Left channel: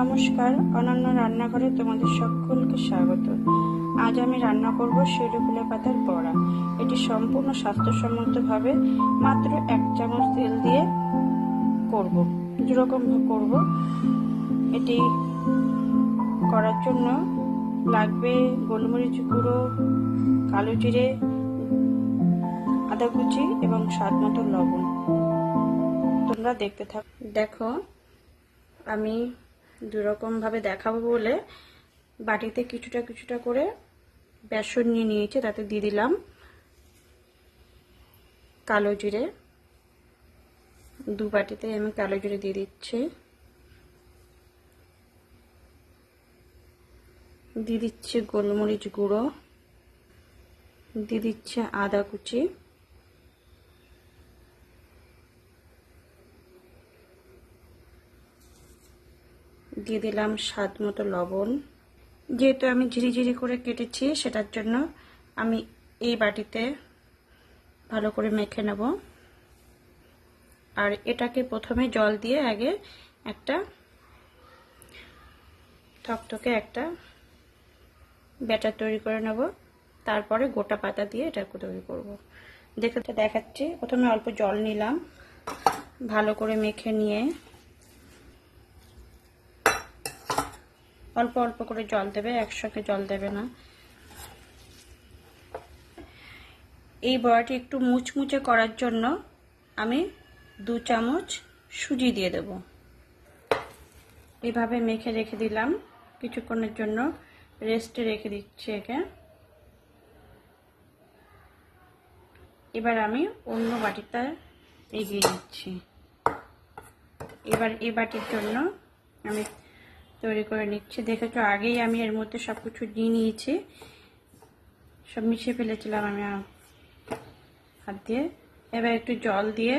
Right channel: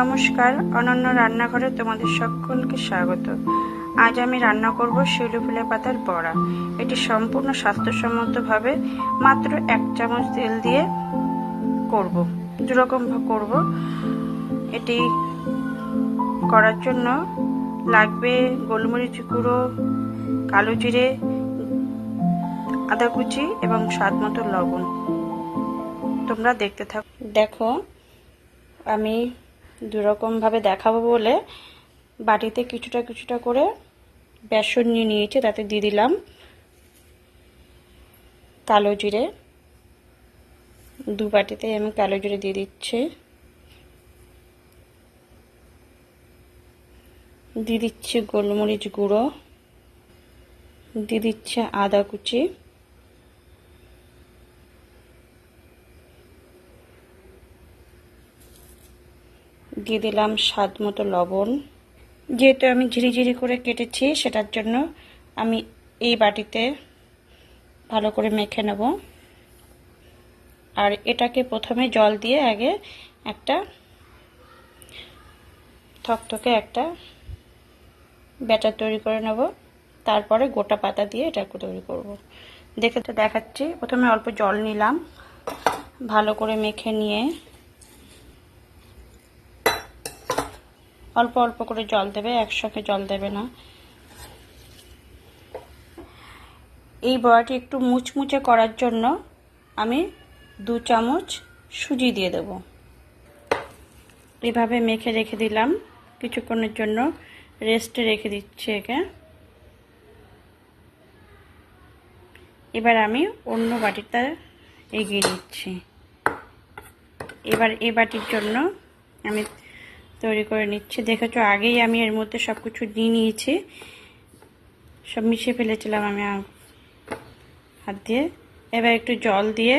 নমস্কার, অনন্য রান্নাঘরে তোমাদের সকলকে স্বাগত। আজ আমি রান্না করব শিউলি ফুলের পাতার বড়া। এটি সম্পূর্ণ স্বাস্থ্যসম্মতভাবে মাত্র 1 চামচ তেল দিয়ে করব। দুরকম করব। এটি করার জন্য লাগবে গোলমরিচ গুঁড়ো, কালো জিরে, আদা কুচি এবং স্বাদ মতো লবণ। তোমরা দেখতে থাকো। দেখো, আমি দুরকমভাবে দেখাবো বলে বাটিতে কিছুটা কিছুটা করে বেসন নিয়ে নিয়েছি। তাতে দিয়ে দিলাম কালো জিরে, 2 বাটিতে আমি কালো জিরে দিয়ে দিচ্ছি। দিয়ে দিচ্ছি গোলমরিচ গুঁড়ো, দিয়ে দিচ্ছি আদা কুচি, দিয়ে দিলাম স্বাদ মতো লবণ। যেহেতু আমি ঝিরিঝিরি করে কেটেছি, সেটার জন্য আমি এই বাটিতে ভালো করে মেখে নেব। আর এটাকে প্রথমে জল দিয়ে আগে একটা থকথকে একটা ব্যাটার তৈরি করে নেব, তারপরে গোটা পাতা দিয়ে এটাকে তৈরি করব। দেখতে দেখাচ্ছি। প্রথমে অল্প জল নিলাম, ভালো করে মেখে নিয়ে অল্প অল্প করে জল দেবে, একসাথে জল দেবে না। এই বড়াটি একটু মুচমুচে করার জন্য আমি 2 চামচ সুজি দিয়ে দেব। এভাবে মেখে রেখে দিলাম, কিছুক্ষণের জন্য রেস্টে রেখে দিচ্ছি একে। এবার আমি অন্য বাটিতে এগিয়ে দিচ্ছি। এবার এই বাটির জন্য আমি তৈরি করে নিচ্ছি। দেখেছো, আগেই আমি এর মধ্যে সব কিছু দিয়ে নিয়েছি, সব মিশিয়ে ফেলেছিলাম আমি হাত দিয়ে। এবার একটু জল দিয়ে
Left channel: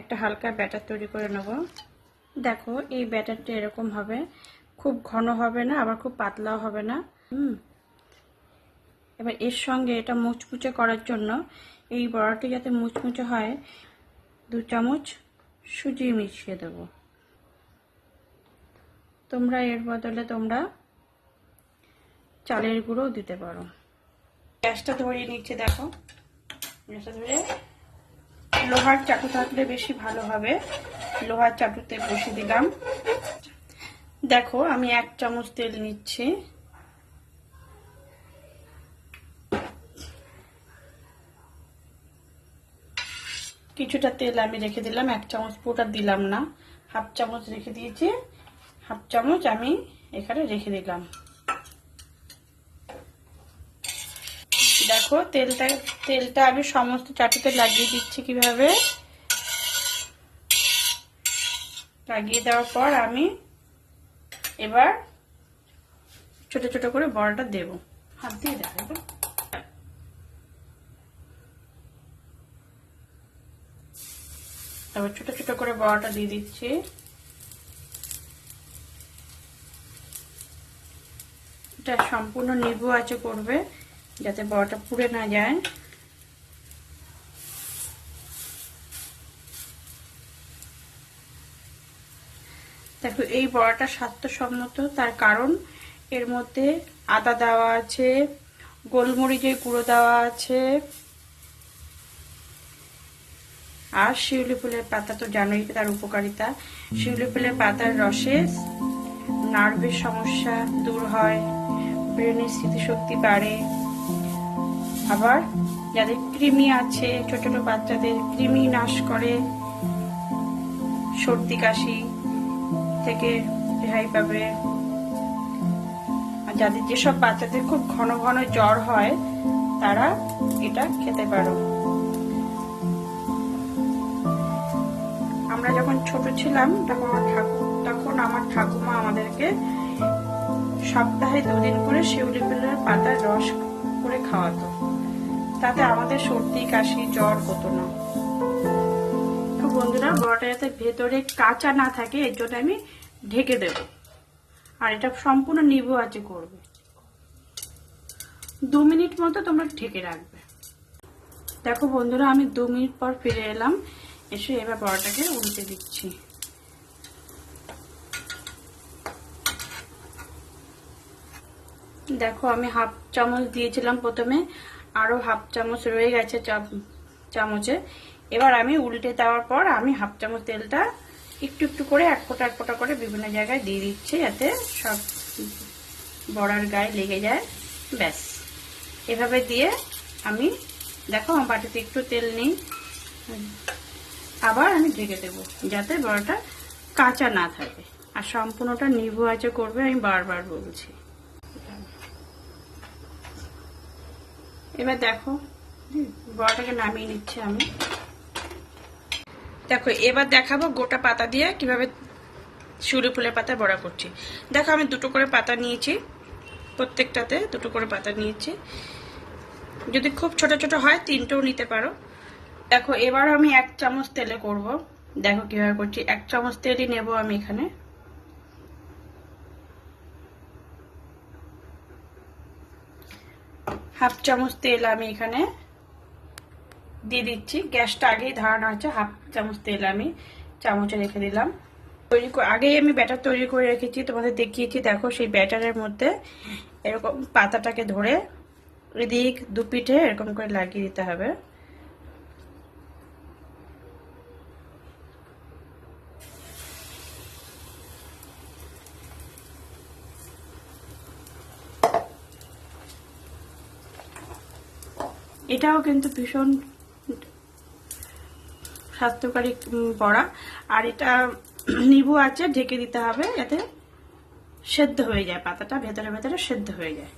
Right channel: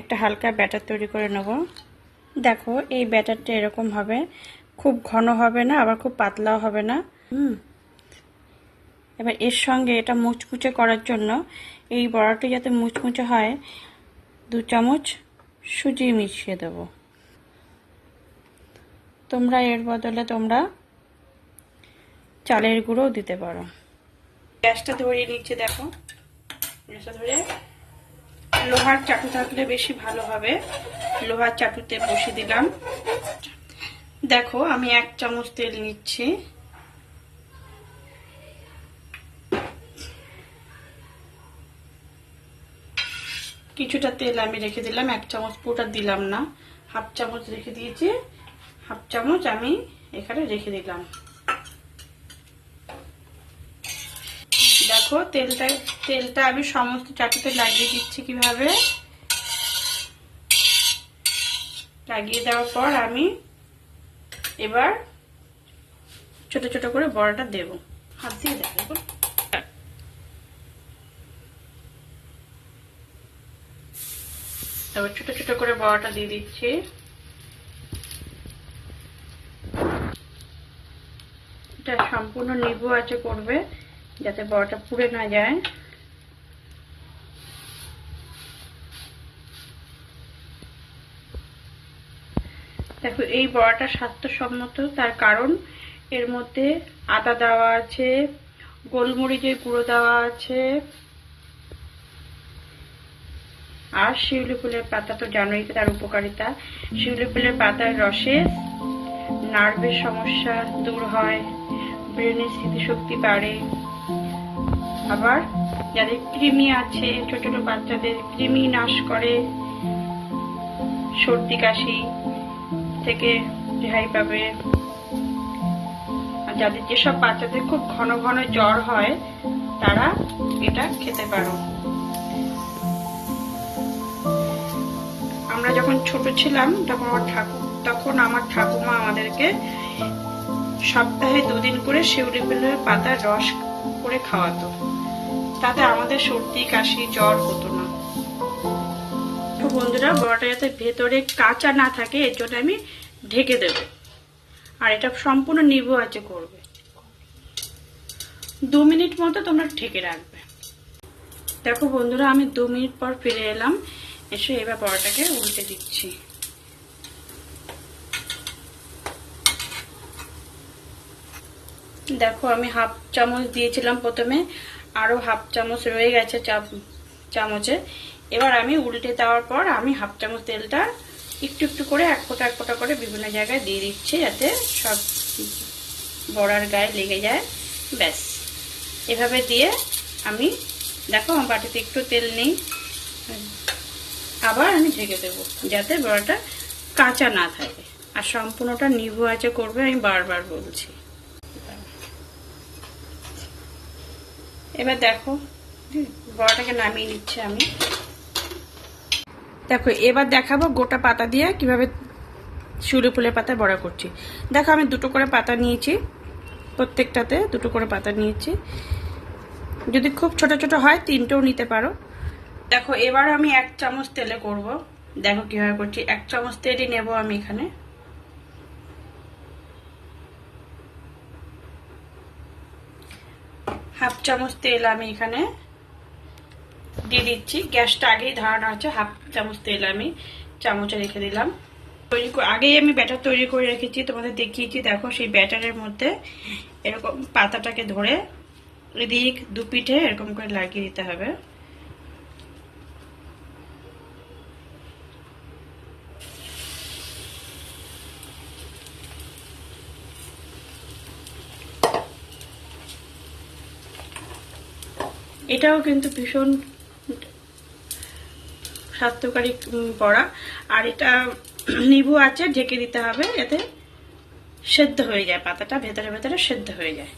একটা হালকা ব্যাটার তৈরি করে নেব। দেখো, এই ব্যাটারটা এরকম হবে, খুব ঘন হবে না, আবার খুব পাতলাও হবে না। এবার এর সঙ্গে এটা মুচমুচে করার জন্য, এই বড়াটি যাতে মুচমুচে হয়, 2 চামচ সুজি মিশিয়ে দেব। তোমরা এর বদলে তোমরা চালের গুঁড়ো দিতে পারো। গ্যাসটা ধরিয়ে নিচ্ছে। দেখো, গ্যাসটা ধরে লোহার চাটু থাকলে বেশি ভালো হবে। লোহার চাটুতে বসিয়ে দিলাম। দেখো, আমি 1 চামচ তেল নিচ্ছি। কিছুটা তেল আমি রেখে দিলাম, 1 চামচ পুরোটা দিলাম না, 1/2 চামচ রেখে দিয়েছি। 1/2 চামচ আমি এখানে রেখে দিলাম। দেখো, তেলটা আমি সমস্ত চাটুতে লাগিয়ে দিচ্ছি। কিভাবে লাগিয়ে দেওয়ার পর আমি এবার ছোট ছোট করে বড়াটা দেব। হাত দিয়ে দেখো, তারপর ছোট ছোট করে বড়াটা দিয়ে দিচ্ছি। এটা সম্পূর্ণ নিবু আঁচে করবে, যাতে বড়াটা পুড়ে না যায়। দেখো, এই বড়াটা স্বাস্থ্যসম্মত, তার কারণ এর মধ্যে আদা দেওয়া আছে, গোলমরিচের গুঁড়ো দেওয়া আছে, আর শিউলি ফুলের পাতা তো জানোই তার উপকারিতা। শিউলি ফুলের পাতার রসে নার্ভের সমস্যা দূর হয়, ব্রেনের স্মৃতিশক্তি বাড়ে। আবার যাদের কৃমি আছে, ছোট ছোট বাচ্চাদের কৃমি নাশ করে, সর্দি কাশি থেকে রেহাই পাবে। আর যাদের যেসব বাচ্চাদের খুব ঘন ঘন জ্বর হয়, তারা এটা খেতে পারো। আমরা যখন ছোট ছিলাম, তখন আমার ঠাকুমা আমাদেরকে সপ্তাহে 2 দিন করে শিউলি ফুলের পাতার রস করে খাওয়াতো। তাতে আমাদের সর্দি কাশি জ্বর হতো না। তো বন্ধুরা, বড়াটা যাতে ভেতরে কাঁচা না থাকে, এর জন্য আমি ঢেকে দেব। আর এটা সম্পূর্ণ নিবু আঁচে করবে। 2 মিনিট মতো তোমরা ঢেকে রাখবে। দেখো বন্ধুরা, আমি 2 মিনিট পর ফিরে এলাম। এসে এবার বড়াটাকে উল্টে দিচ্ছি। দেখো আমি হাফ চামচ দিয়েছিলাম প্রথমে, আরো হাফ চামচ রয়ে গেছে চামচে। এবার আমি উল্টে দেওয়ার পর আমি হাফ চামচ তেলটা একটু একটু করে এক ফোঁটা করে বিভিন্ন জায়গায় দিয়ে দিচ্ছি, যাতে সব বড়ার গায়ে লেগে যায়। ব্যাস এভাবে দিয়ে আমি, দেখো আমার বাটিতে একটু তেল নেই, আবার আমি ঢেকে দেবো যাতে বড়াটা কাঁচা না থাকে। আর সম্পূর্ণটা নিভু আঁচে করবে, আমি বারবার বলছি। এবার দেখো বড়াটাকে নামিয়ে নিচ্ছে আমি। দেখো এবার দেখাবো গোটা পাতা দিয়ে কিভাবে শিউলি ফুলের পাতা বড়া করছি। দেখো আমি দুটো করে পাতা নিয়েছি, প্রত্যেকটাতে দুটো করে পাতা নিয়েছি। যদি খুব ছোট ছোট হয় তিনটেও নিতে পারো। দেখো এবার আমি 1 চামচ তেলে করব। দেখো কিভাবে করছি, 1 চামচ তেলই নেব আমি এখানে। হাফ চামচ তেল আমি এখানে দিয়ে দিচ্ছি। গ্যাসটা আগেই ধরানো আছে, হাফ চামচ তেল আমি চামচে রেখে দিলাম। আগেই আমি ব্যাটার তৈরি করে রেখেছি, তোমাদের দেখিয়েছি। দেখো সেই ব্যাটারের মধ্যে এরকম পাতাটাকে ধরে এদিক দু পিঠে এরকম করে লাগিয়ে দিতে হবে। এটাও কিন্তু ভীষণ স্বাস্থ্যকারী বড়া। আর এটা নিভু আছে ঢেকে দিতে হবে, এতে সেদ্ধ হয়ে যায়, পাতাটা ভেতরে ভেতরে সেদ্ধ হয়ে যায়।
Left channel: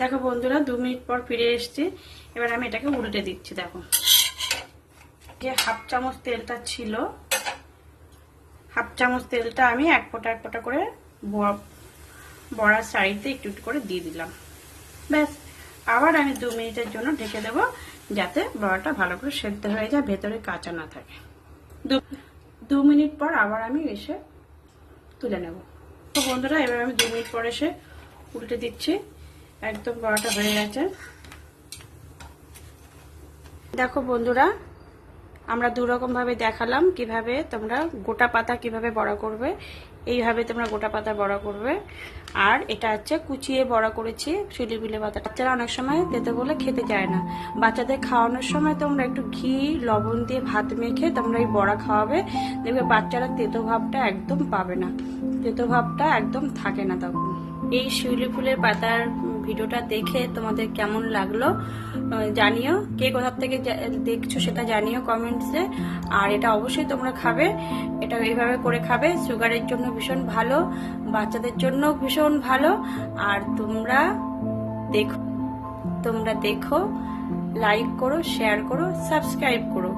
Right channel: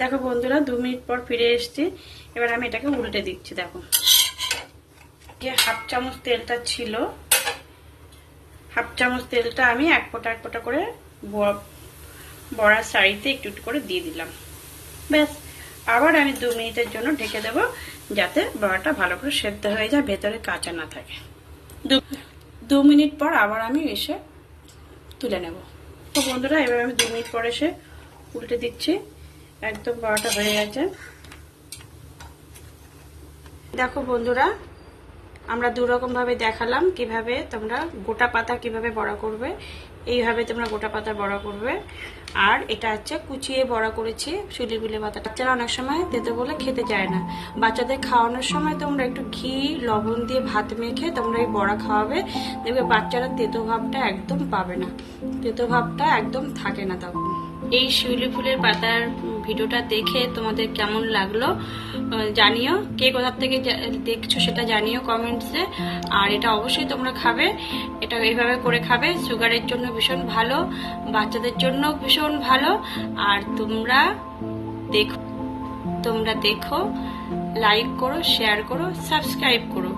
দেখো বন্ধুরা 2 মিনিট পর ফিরে এসেছি। এবার আমি এটাকে উল্টে দিচ্ছি। দেখো যে হাফ চামচ তেলটা ছিল, হাফ চামচ তেলটা আমি এক ফোঁটা করে বড়ার সাইডে একটু একটু করে দিয়ে দিলাম। ব্যাস আবার আমি 2 মিনিটের জন্য ঢেকে দেবো, যাতে বড়াটা ভালো করে সেদ্ধ হয়ে যায়, ভেতরে কাঁচা না থাকে। 2 মিনিট পর আবার আমি এসে তুলে নেব। তো বন্ধুরা এবার আমি 2 মিনিট পর এসে উল্টে দিচ্ছি। একদম বড়াটা হয়ে গেছে। দেখো বন্ধুরা আমরা 2 রকম ভাবে দেখালাম কিভাবে তোমরা গোটা পাতা কিভাবে বড়া করবে। এইভাবে তোমরা গোটা পাতা বড়া করবে। আর এটা হচ্ছে কুচিয়ে বড়া করেছি শিউলি ফুলের পাতা। বাচ্চারা অনেক সময় তেতো বলে খেতে চায় না, বাচ্চাদের খাওয়ানোর সময় তোমরা একটু ঘি লবণ দিয়ে ভাত মেখে তোমরা এই বড়া খাওয়াবে, দেখবে বাচ্চারা তেতো ভাবটা একদম পাবে না, তেতো ভাবটা একদম থাকে না তখন। এই শিউলি ফুলের পাতার ভিডিওটা দেখে তোমাদের কেমন লাগলো জানিও, কে কোথা থেকে দেখছো সেটা জানিও কমেন্টসে। আর এটা অবশ্যই তোমরা খাবে, এটা এইভাবে করে খাবে, সুগারের জন্য ভীষণ ভালো, বাচ্চাদের জন্য ভীষণ ভালো। আর তোমরা দেখো, লাইক করো, শেয়ার করো, সাবস্ক্রাইব করো।